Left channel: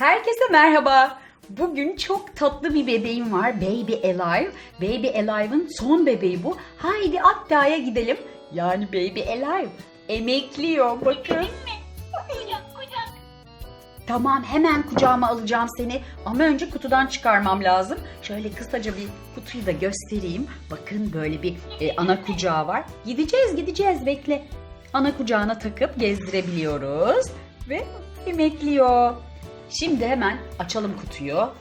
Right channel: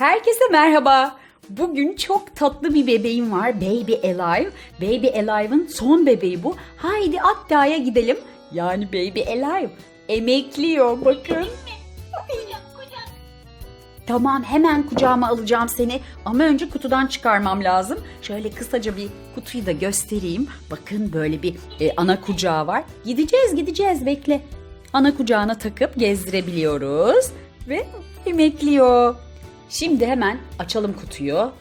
Herkese merhaba. Bugün çok tatlı bir bebeğim var. Baby Alive. Baby Alive'ın son bebeği bu. Haydi Akdağ'a gidelim. Yani Baby Alive emekliyor bakın. Kucak kucak. Tamam hemen kucağıma alacağım seni. Ama önce kutudan çıkarmam lazım. Şöyle kısaca bir kutuyu da göstereyim. Bakın böyle bir e, ana kucağı var. Gideceğiz gideceğiz bekle. Ana kucağına takıp gezdirebiliyoruz. Ve emekliyor. Şimdi hemen açalım kutuyu.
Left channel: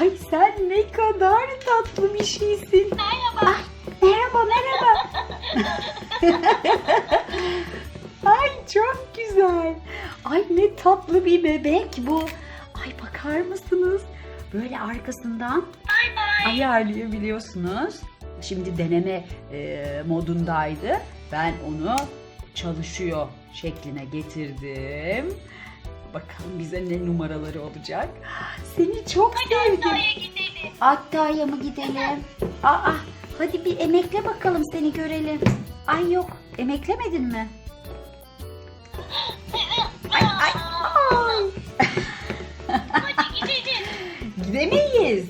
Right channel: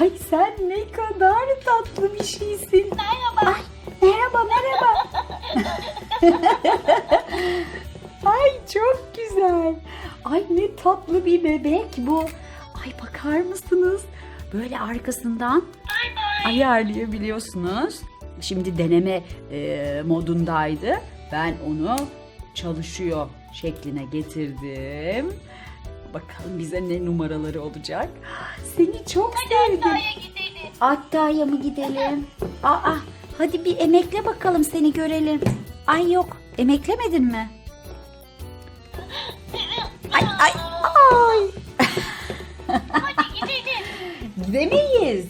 Ay sen ne kadar tatlı bir şeysin. Merhaba. Ay, merhaba merhaba. Ay çok güzel. Ay ne tatlı bir bebek bu. Ay bakar mısınız? Böyle arkasından Bay bay. ayarlayabiliyorsunuz. Şimdi deneme e, modundaydı. Ben onu çalışıyor şekline getirdim. Bakalım bize ne numaraları olacak. Seni çok sevdim. Haftaya gidelim. Hatta'ya mı gidelim? Aa, hadi bir emekle bakalım seni görelim. Ay yok, emeklemedin mi? Ay ay ay. Hadi gidelim. Gidemeyiz.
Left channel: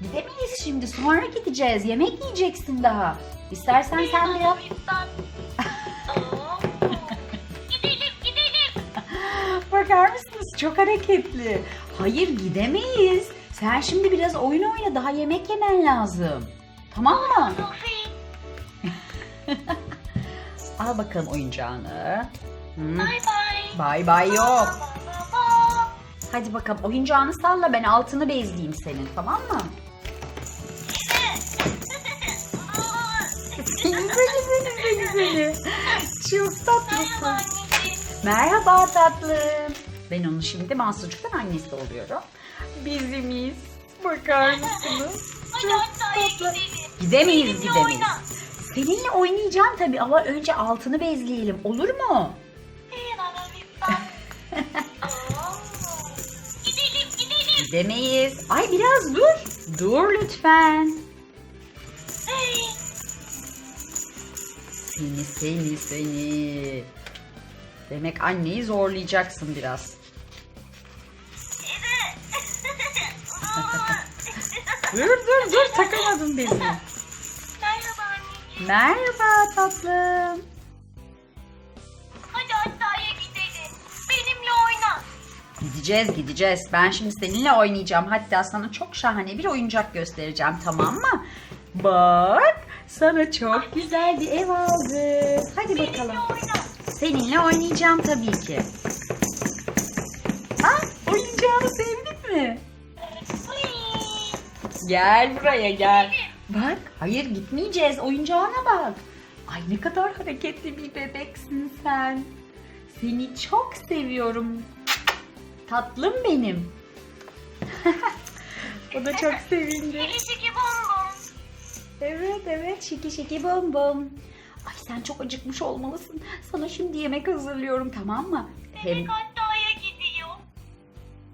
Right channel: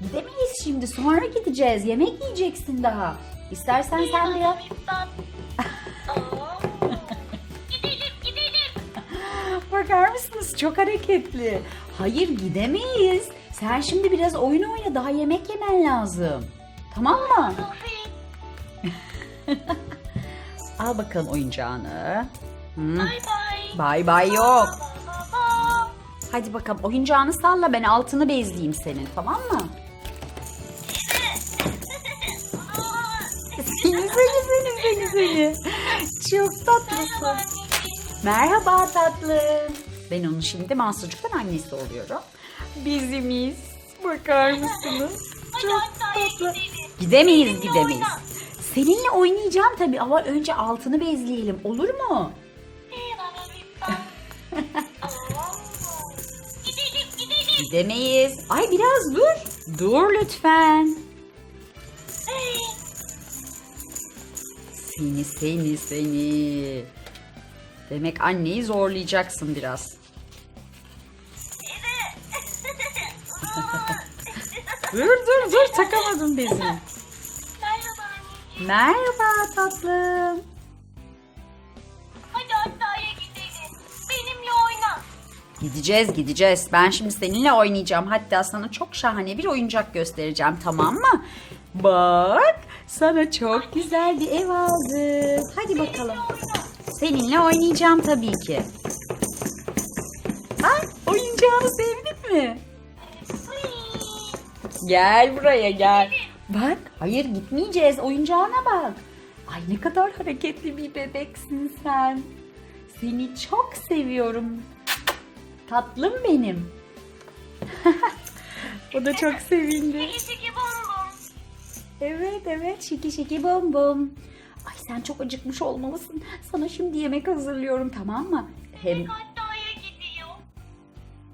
Gidemeyiz şimdi. Sonra gideceğiz. Yemek yiyeceksin daha. İstersen sen biraz... Çok hareketli. Hayır gidemeyiz. Sen şimdi biraz oyun oyna. Daha yemek yemen lazım. Tamam mı? Al bakalım oyuncağını. Hmm. Bay bay. Bay bay yok. Hadi bakalım oyuncağını salla ben altını bezleyeyim senin tamam mı? Seni seni seni. Çok Merhaba tatlısın. anneciğim. Merhaba tatlım. Ben onun şimdi Mansurcuk'tan annesi oluyorum. Bizimiz. Bakar mısınız? Hadi haftaya gidelim. Gidemeyiz Benimle gidemeyiz. oyna. Seninle oynayacağım tabii ama önce altını bezleyelim olur mu? Gidelim gidelim. Gidemeyiz. Ay biraz dur. Dur lütfen. Seni seni seni. Demek anneyi zorlayacaksın biraz. Dur dur dur takamadım bezi. Merhaba anneciğim. Merhaba tatlım. Hadi haftaya gidelim. Benimle oyna. Gideceğiz gideceğiz. Ben şimdi seninle oynayacağım. Hatta sana çok şahane bir oyuncak göstereceğim tamam mı? Bak sana çok güzel bir ev aldım. Hadi bakalım. Benimle oyna. Seninle oynayacağım tabii ki. Ha, oyuncağını sevdin mi? Gel buraya gel. Bak hayır gitmeyeceğiz oyuncağına bak. Ay ne kadar hareketli bir bebeksin sen. Seni çok seviyorum. Tatlım benim. o da çok sevindi. Birisi bonbon. Evet evet şiki şiki bom bom. Sen çok acıkmış olmalısın. Sana şimdi yemek hazırlıyorum tamam mı? Hem Bebek haftaya gidiyor.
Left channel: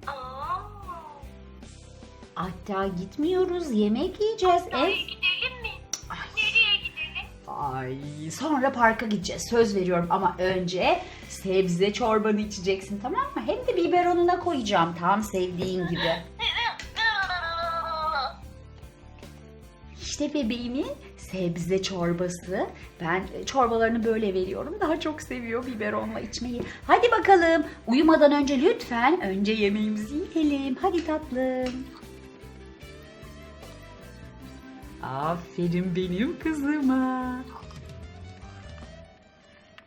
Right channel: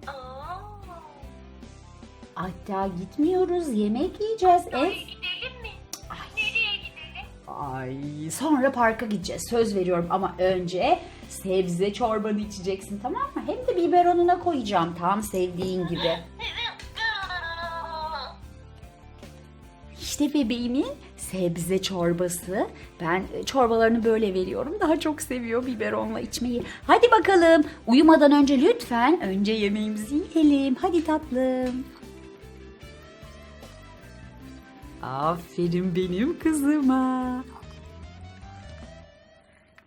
Aa. hatta gitmiyoruz yemek yiyeceğiz. Haftaya Ev. gidelim mi? Ay. Nereye gidelim? Ay sonra parka gideceğiz söz veriyorum ama önce sebze çorbanı içeceksin tamam mı? Hem de biberonuna koyacağım tam sevdiğin gibi. İşte bebeğimin sebze çorbası. Ben çorbalarını böyle veriyorum. Daha çok seviyor biberonla içmeyi. Hadi bakalım uyumadan önce lütfen önce yemeğimizi yiyelim. Hadi tatlım. Aferin benim kızıma.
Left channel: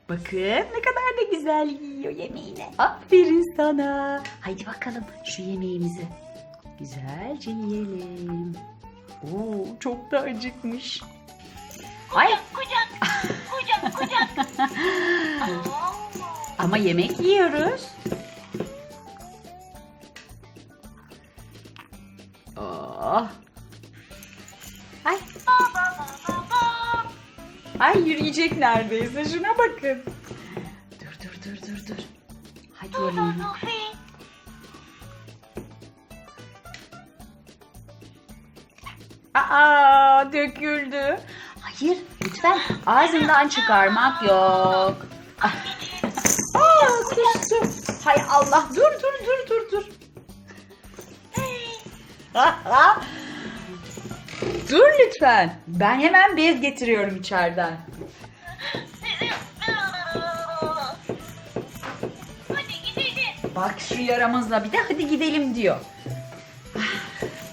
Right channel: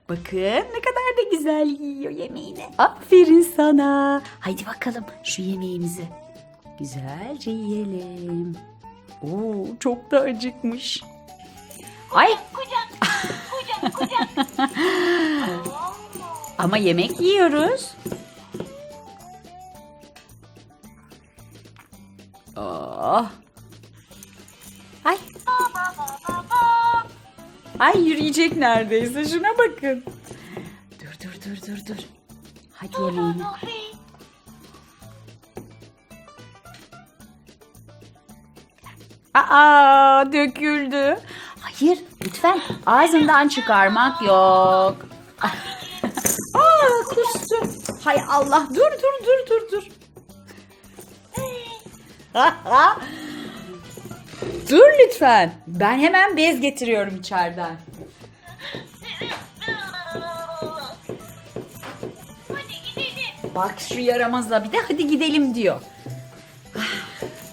Bakın ne kadar da güzel yiyor yemeğini. Aferin sana. Haydi bakalım şu yemeğimizi güzelce yiyelim. Oo, çok da acıkmış. Ay Kucak. Kucak kucak. Ama yemek yiyoruz. Oh. Ay, ay yürüyecek neredeyse. Şuna bakın. Dur dur dur dur dur. Hadi Dur dur yemeğini. Sofi. Aa döküldü. Hayır lütfen ağzından çıkarmak yok. Aa, kustu. Hay Allah dur dur dur dur dur. dur lütfen. Ben hemen bez getiriyorum içeriden. Bak şu yaramazla bir de hadi gidelim diyor.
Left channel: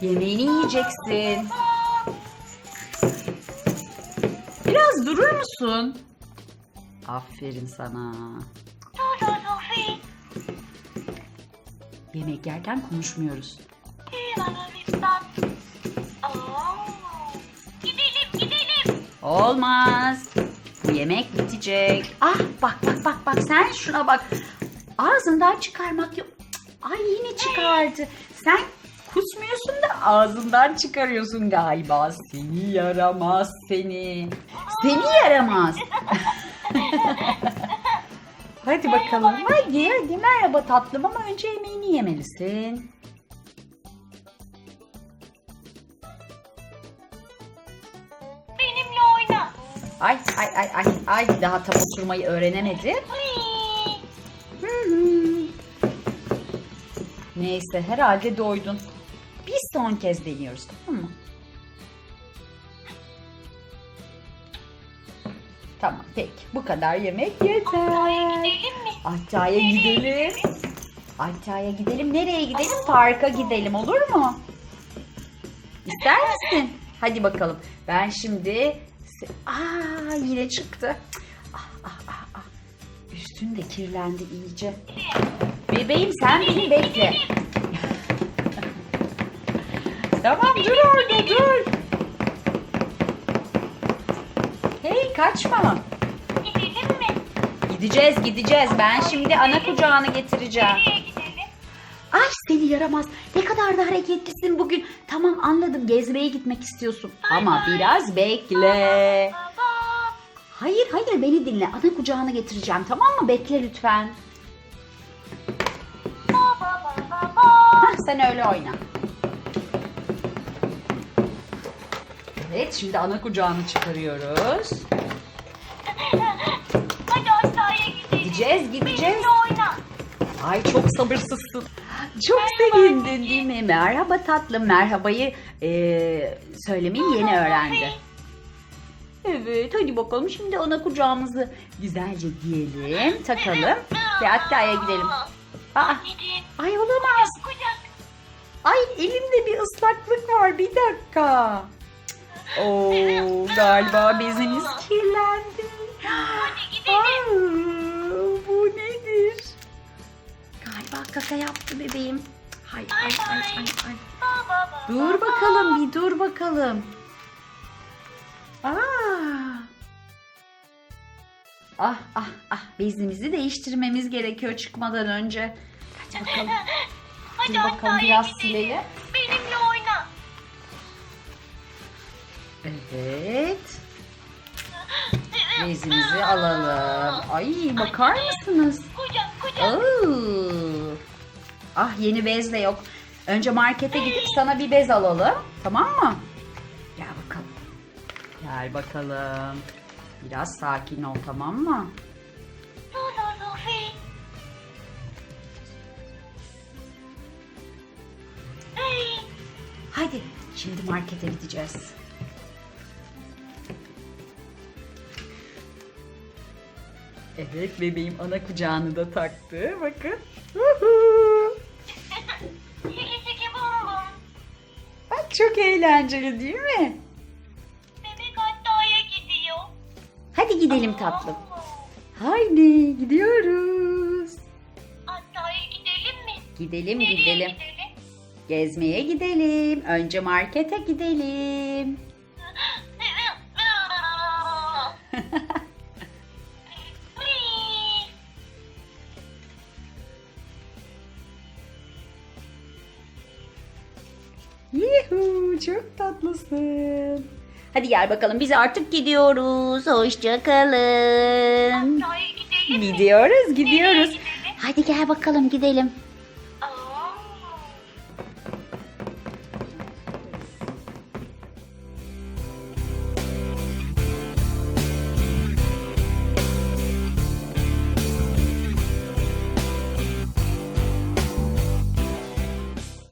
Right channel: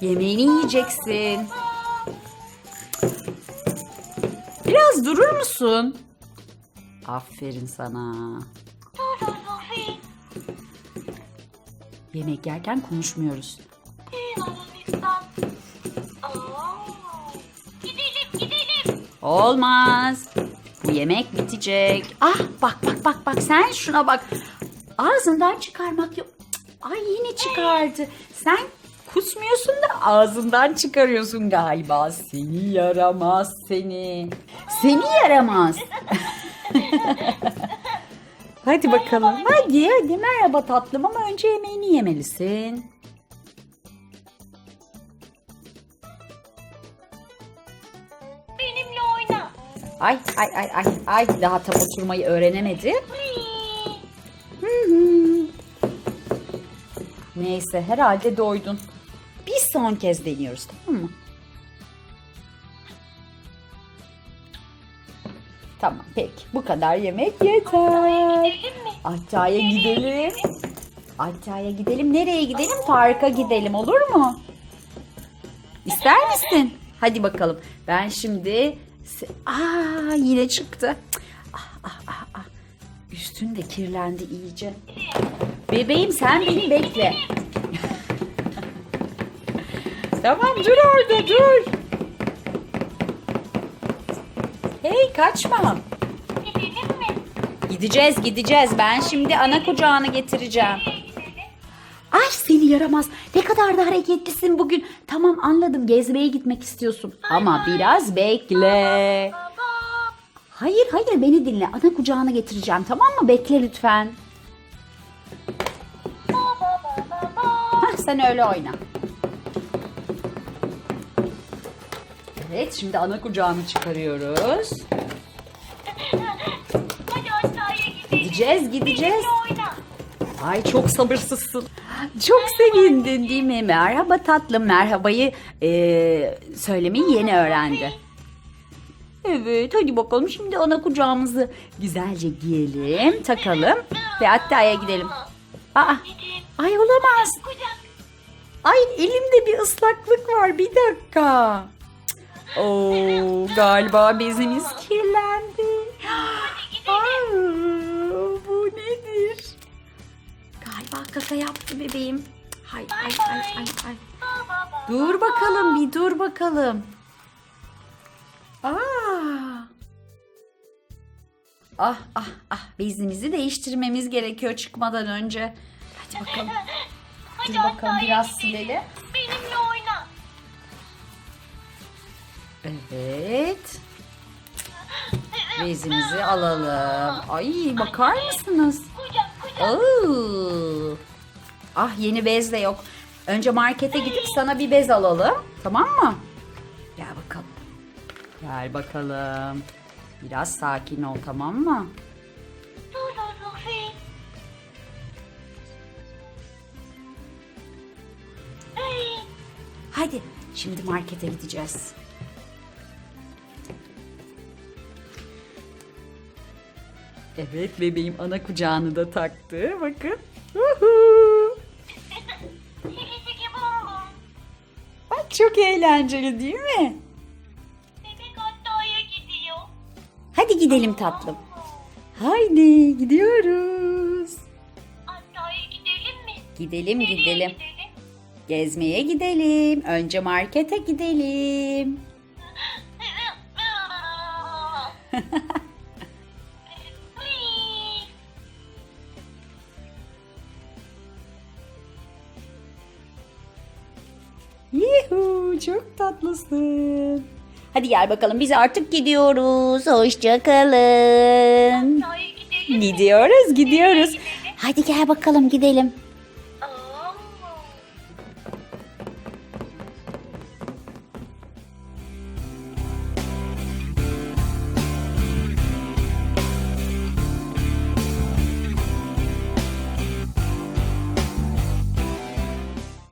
Yemeğini yiyeceksin. Biraz durur musun? Aferin sana. Yemek yerken konuşmuyoruz. Gidelim gidelim. Olmaz. Bu yemek bitecek. Ah bak bak bak bak sen şuna bak. Ağzından çıkarmak yok. Cık, Ay yine çıkardı. Sen kusmuyorsun da ağzından çıkarıyorsun galiba. Seni yaramaz seni. Seni yaramaz. hadi bakalım. Hadi hadi merhaba tatlım ama önce yemeğini yemelisin. Benimle oyna. Ay ay ay ay ay daha tam oturmayı öğrenemedi. Whee! Hı hı. Neyse herhalde doydun. Son kez deniyoruz tamam mı? Tamam peki bu kadar yemek yeter. Gidelim mi? Aşağıya gidelim. Aşağıya gidelim. Nereye gidelim? Parka gidelim olur mu? İster misin? Hadi bakalım. Ben şimdi... Aa yine çıktı. Ah, ah, ah, ah. Üstün de kirlendi iyice. Bebeğim sen beni bekle. Tamam dur orada dur. Hey kaçma. Gidelim mi? Gideceğiz gideceğiz. Ben şimdi ana kucağını getireceğim. Ay seni yaramaz. Ne kadar da hareketlisin bugün. Tamam anladım gezmeye gitmek istiyorsun. Ama biraz bekle. Baba. Hayır hayır beni dinle. Ana kucağını getireceğim tamam mı? Bekle lütfen. Baba baba baba. Hah sen öyle oyna. Evet şimdi ana kucağını çıkarıyoruz. Hadi aşağıya gidelim. Gideceğiz gideceğiz. Oyna. Ay çok sabırsızsın. Çok sevindin değil mi? Merhaba tatlım. Merhabayı eee, söylemeyi yeni öğrendi. Evet hadi bakalım şimdi ana kucağımızı güzelce giyelim, takalım ve hatta gidelim. Aa, ay olamaz. Kucak. Ay elimde bir ıslaklık var bir dakika. Oo, galiba bezimiz kirlendi. Hadi gidelim. Aa, bu nedir? Galiba kaka yaptı bebeğim. Hay ay ay ay ay. Dur bakalım bir dur bakalım. Aa. Ah ah ah bezimizi değiştirmemiz gerekiyor çıkmadan önce. Hadi bakalım. Hadi Dur bakalım biraz silelim. Evet. Bezimizi alalım. Ay bakar mısınız? Kucak kucak. Ah yeni bez de yok. Önce markete gidip sana bir bez alalım. Tamam mı? Gel bakalım. Gel bakalım. Biraz sakin ol tamam mı? Hadi şimdi markete gideceğiz. Evet bebeğim ana kucağını da taktı. Bakın. Bak çok eğlenceli değil mi? Bebek aşağıya gidiyor. Hadi gidelim tatlım. Haydi gidiyoruz. Aşağıya gidelim mi? Gidelim Nereye gidelim. gidelim? Gezmeye gidelim. Önce markete gidelim. çok tatlısın. Hadi gel bakalım biz artık gidiyoruz. Hoşçakalın. Gidiyoruz gidiyoruz. Hadi gel bakalım gidelim.